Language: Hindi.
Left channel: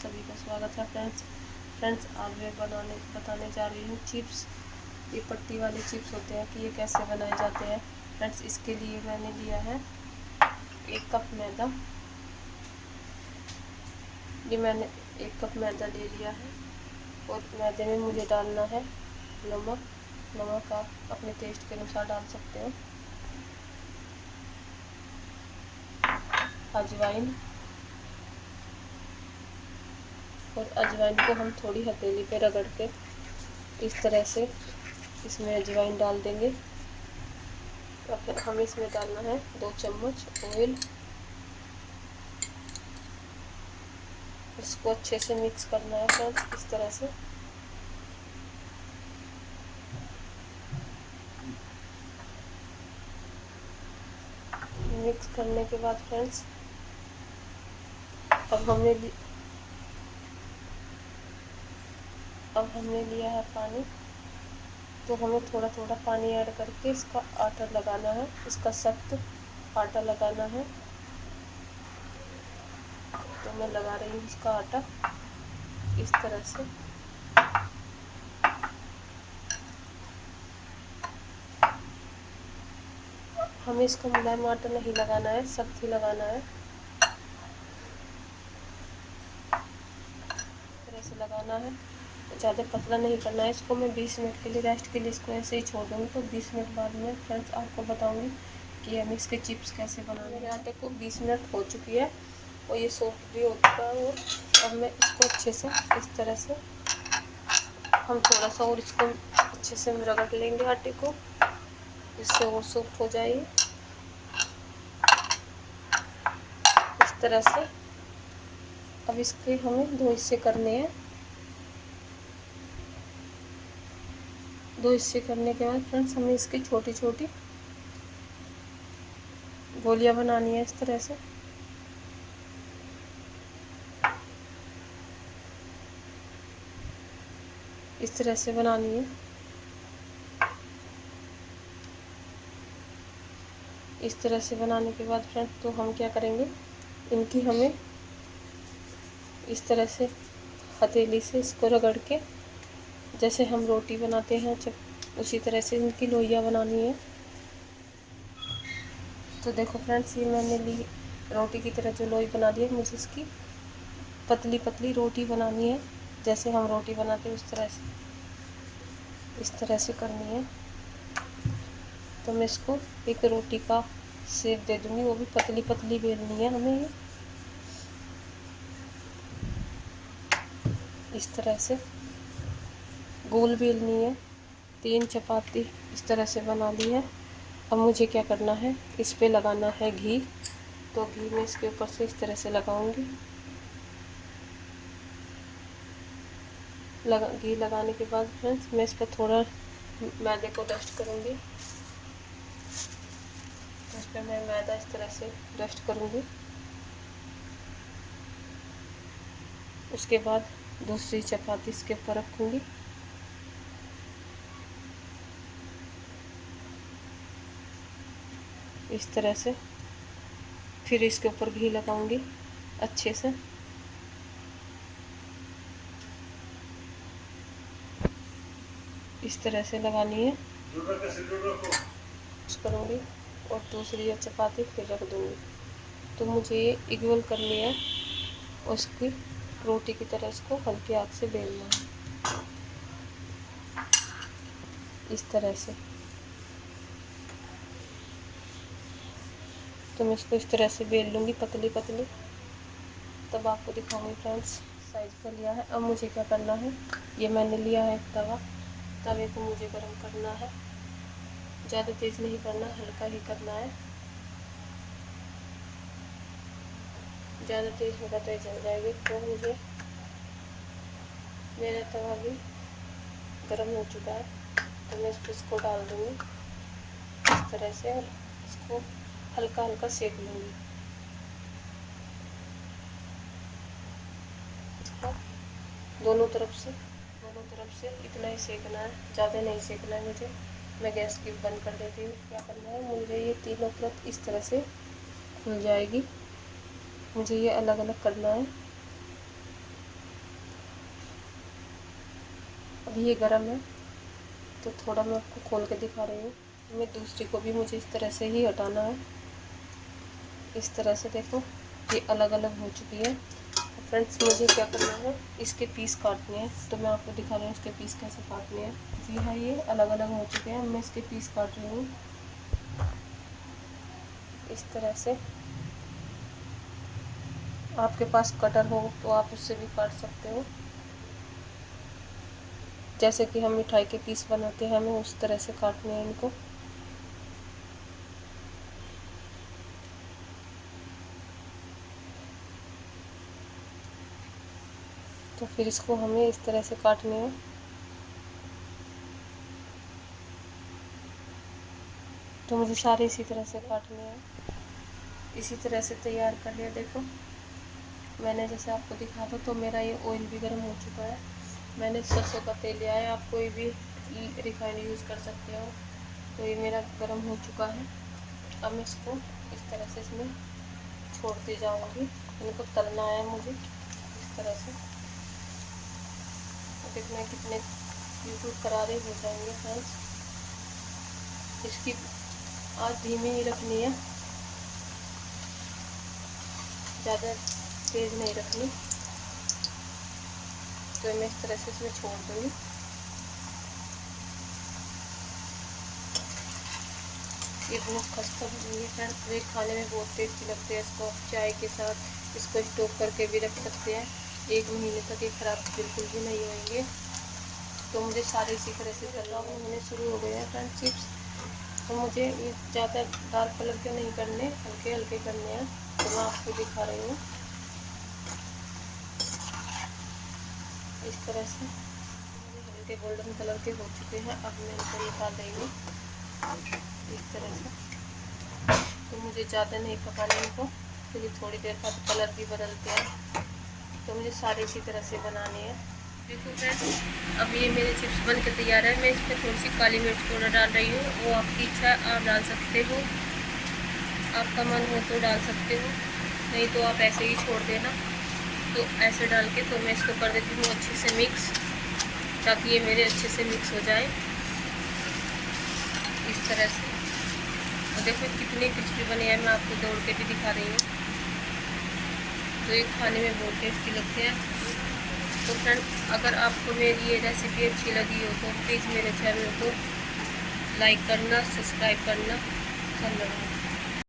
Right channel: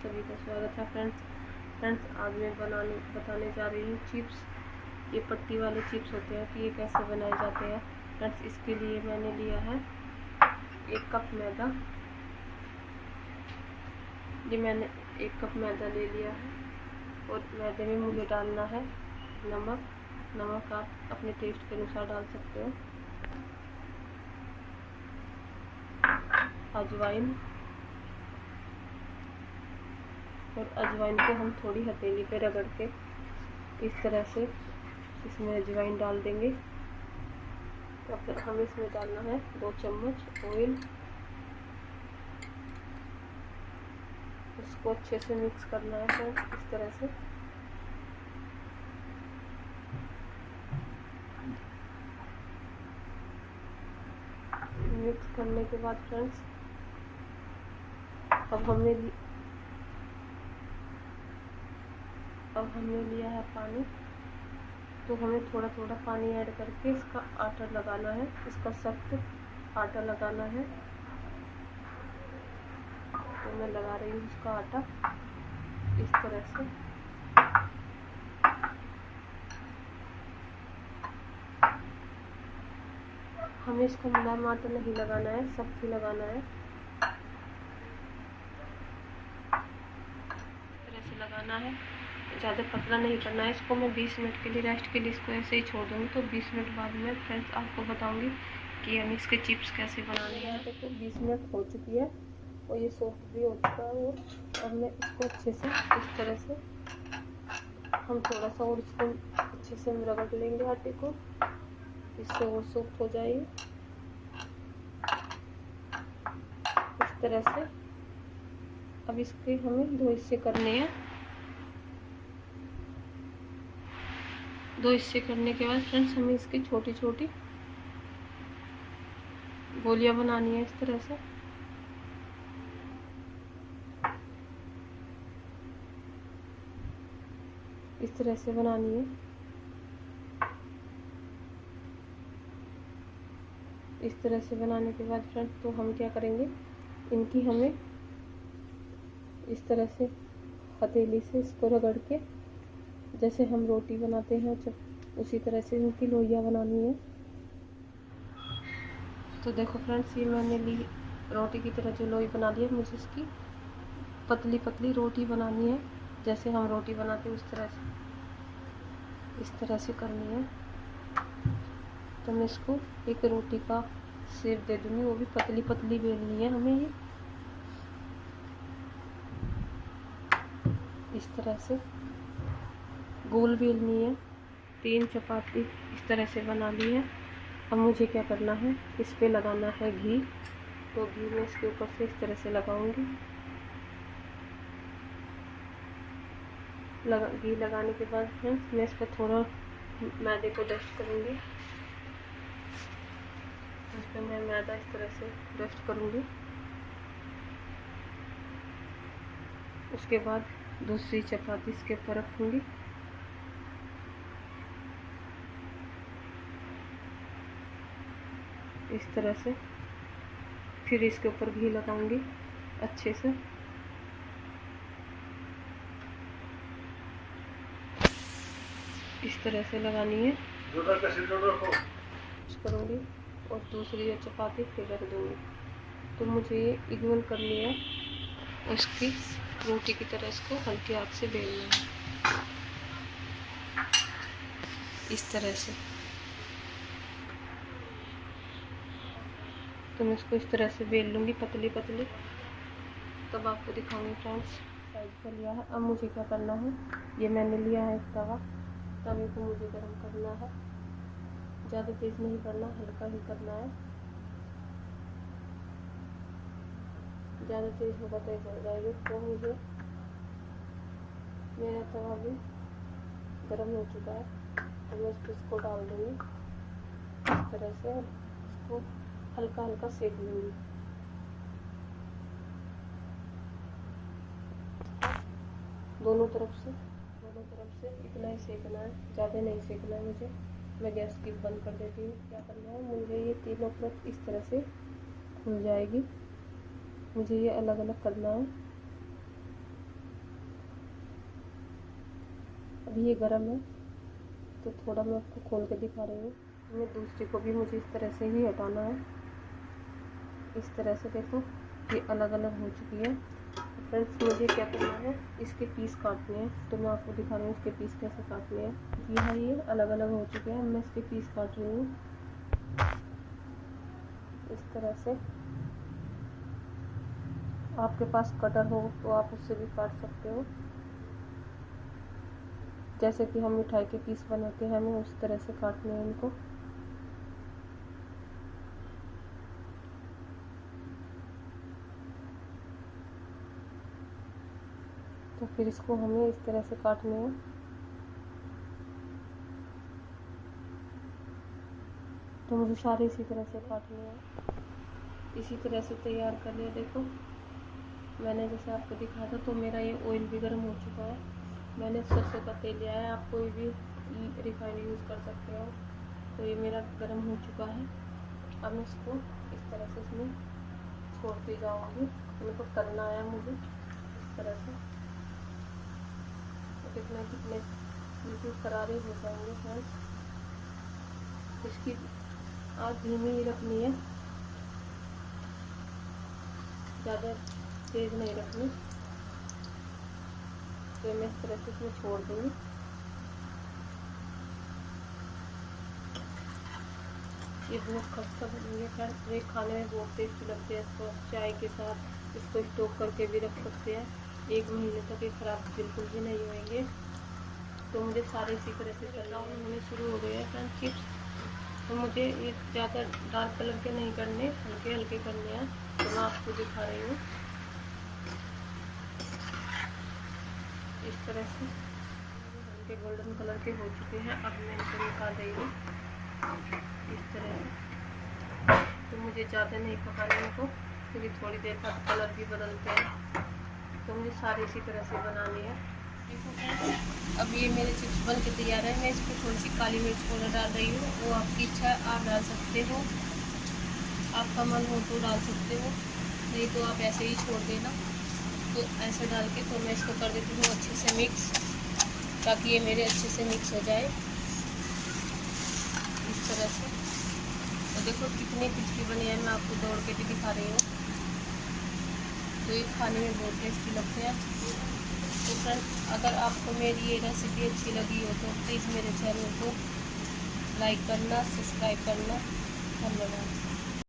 सभी का स्वागत है फ्रेंड्स आज मैं बताने जा रही हूँ चिप्स। ये पट्टी वाले चिप्स होते हैं कि ये कैसे बनाए जाते हैं। फ्रेंड्स इसके लिए मैंने लिया है 1 कप मैदा। ये मैंने 1 कप मैदा ले लिया है और मैदे में मुझे डालना है नमक आप अपने टेस्ट के अनुसार डाल सकते हो। अजवाइन, और अजवाइन को हम थोड़ी हथेली पे रगड़ के इस तरह से इसमें अजवाइन डाल देंगे। और फिर हमें इसमें डालना है 2 चम्मच ऑयल। इसको अच्छे से मिक्स करना है फ्रेंड्स, इस तरह से। मिक्स करने के बाद फ्रेंड्स अब हमने लिया है पानी, तो हमें थोड़ा थोड़ा पानी ऐड करके इसका आटा लगाना है, इसका सख्त आटा लगाना है। तो मैं लगा रही हूँ इसका आटा इस तरह से। हमें इसका मुलायम आटा नहीं लगाना है, सख्त ही लगाना है। इस तरह से लगाना है, ज़्यादा पतला नहीं करना है। इसको मैं 20 मिनट के लिए रेस्ट के लिए इसको ऐसे ही छोड़ दूँगी। तो 20 मिनट बाद में फ्रेंड्स आपको बताऊँगी कि हम इसके चिप्स कैसे बनाने हैं। यहाँ तक 20 मिनट हो चुकी है और ये सॉफ्ट भी हो चुका है। और अब मैं इसको अच्छे से इस तरह से हम थोड़ा सा और इसको अच्छे से रगड़ लेंगे आटे को, इससे और सॉफ्ट हो जाएगी इस तरह से। अब इसके हमें 2 हिस्से करने हैं। 2 हिस्से करने के बाद फ्रेंड्स हमें इसकी छोटी छोटी गोलियां बनानी है इस तरह से। इस तरह से बनानी है। इस तरह से बनाने के बाद फ्रेंड्स तो हम क्या करेंगे, इनकी हमें इस तरह से हथेली से इसको रगड़ के जैसे हम रोटी बनाते हैं उसी तरह से इनकी लोइयाँ बनानी है। तो देखो फ्रेंड्स ये मैंने ली रोटी की तरह जो लोई बना दी है। मुझे इसकी पतली पतली रोटी बनानी है, जैसे हम रोटी बनाते हैं उस तरह से, इस तरह से करनी है। तो मैं इसको एक रोटी का शेप दे दूँगी, वो भी पतली पतली बेलनी है हमें ये इस तरह से गोल बेलनी है। 3 चपाती इस तरह से बना ली है। अब मुझे क्या करना है, इस पे लगाना है घी। तो घी मैं इसके ऊपर से इस तरह से लगाऊंगी। घी लगाने के बाद फ्रेंड्स मैं इस पर थोड़ा मैदे को डस्ट करूँगी। इस पर मैं मैदा इस तरह से डस्ट करूँगी। उसके बाद दूसरी चपाती इसके ऊपर रखूँगी। इस तरह से फिर इसके ऊपर घी लगाऊंगी अच्छे से। इस तरह से लगानी है करूँगी और दूसरी चपाती फिर रख दूँगी। तो मुझे ये इक्वल करनी है और इसकी रोटी की तरह इसको हल्के हाथ से बेलना है इस तरह से। तो मैं इसको इस तरह से बेल लूँगी पतली पतली, तब आपको दिखाऊंगी फ्रेंड्स। साइज का लिया है। अब मुझे क्या करना है, ये मैंने लिया है एक तवे को मुझे गर्म करना है। ज़्यादा तेज़ नहीं करना, हल्का ही करना है। ज़्यादा तेज़ होगा तो जल जाएगी। तो मुझे मेरा तवा भी गर्म हो चुका है, तो मैं इसको डाल दूँगी इस तरह से और इसको हल्का हल्का सेक लूँगी। दोनों तरफ से इतना ही सेकना है, ज़्यादा नहीं सेकना है मुझे। मैं गैस की बंद कर देती हूँ। क्या करना है, मुझे ये तीनों तरफ इस तरह से खुल जाएगी। मुझे ये अलग अलग करना है। अभी ये गर्म है तो थोड़ा मैं आपको खोल के दिखा रही हूँ। मैं दूसरी को भी मुझे इस तरह से ही हटाना है। इस तरह से देखो ये अलग अलग हो चुकी है। फ्रेंड्स मुझे क्या करना है, इसके पीस काटने हैं, तो मैं आपको दिखा रही हूँ इसके पीस कैसे काटने हैं। जी हाँ, ये अलग अलग हो चुके हैं। मैं इसके पीस काट रही हूँ इस तरह से। आपके पास कटर हो तो आप उससे भी काट सकते हो। जैसे कि हम मिठाई के पीस बनाते हैं, हमें उस तरह से काटने हैं इनको। तो फिर इसको हमें इस तरह से काटने हैं। तो मुझे सारे इसी तरह से काटने हैं। इसी तरह से तैयार कर लिया। देखो मैंने जैसे आपको दिखा था, तो मेरा ये ऑयल भी गर्म हो चुका है। मैंने सरसों का तेल लिया है, आप कोई भी रिफाइंड यूज़ कर सकते हो। तो ये मेरा गर्म हो चुका है। अब मैं इसको इस तरह से इसमें छोड़ती जाऊंगी। इनको तलना है मुझे इस तरह से। तो देखना कितने बिल्कुल करारे हो जाएंगे फ्रेंड्स। इसकी आँच धीमी ही रखनी है, ज़्यादा तेज़ नहीं रखनी। तो मैं इस तरह से इसमें छोड़ दूँगी। ये बहुत खस्ता बनेंगे फ्रेंड्स। ये खाने में बहुत टेस्टी लगते हैं। इसको आप चाय के साथ इसको स्टोक करके भी रख सकते हैं। 1 महीने तक ये ख़राब बिल्कुल भी नहीं होंगे। तो मुझे सारे इसी तरह से करना होने शुरू हो गए हैं फ्रेंड्स चिप्स। तो मुझे ये ज़्यादा डार्क कलर के नहीं करने, हल्के हल्के करने हैं। तो मैं आपको दिखा रही हूँ इस तरह से। हल्के गोल्डन कलर के हो चुके हैं। अब मैं इनको निकाल रही हूँ इस तरह से। तो मुझे ज़्यादा नहीं पकाना इनको, क्योंकि थोड़ी देर बाद कलर भी बदलते हैं। तो मुझे सारे इसी तरह से बनाने हैं। देखो फ्रेंड्स, अब ये मेरे चिप्स बन के तैयार है। मैं इस पर थोड़ी सी काली मिर्च पाउडर डाल रही हूँ। वो आपकी इच्छा है, आप डाल सकते हो, आपका मन हो तो डाल सकते हो, नहीं तो आप ऐसे ही छोड़ देना। तो ऐसे डाल के तो मैं इसको कर देती हूँ अच्छे से मिक्स, ताकि ये मेरे अच्छे से मिक्स हो जाए इस तरह से। और देखो कितने क्रिस्पी बने हैं, मैं आपको तोड़ के भी दिखा रही हूँ। तो ये खाने में बहुत टेस्टी लगते हैं। तो फ्रेंड्स, अगर आपको मेरी ये रेसिपी अच्छी लगी हो तो प्लीज़ मेरे चैनल को लाइक करना, सब्सक्राइब करना। धन्यवाद।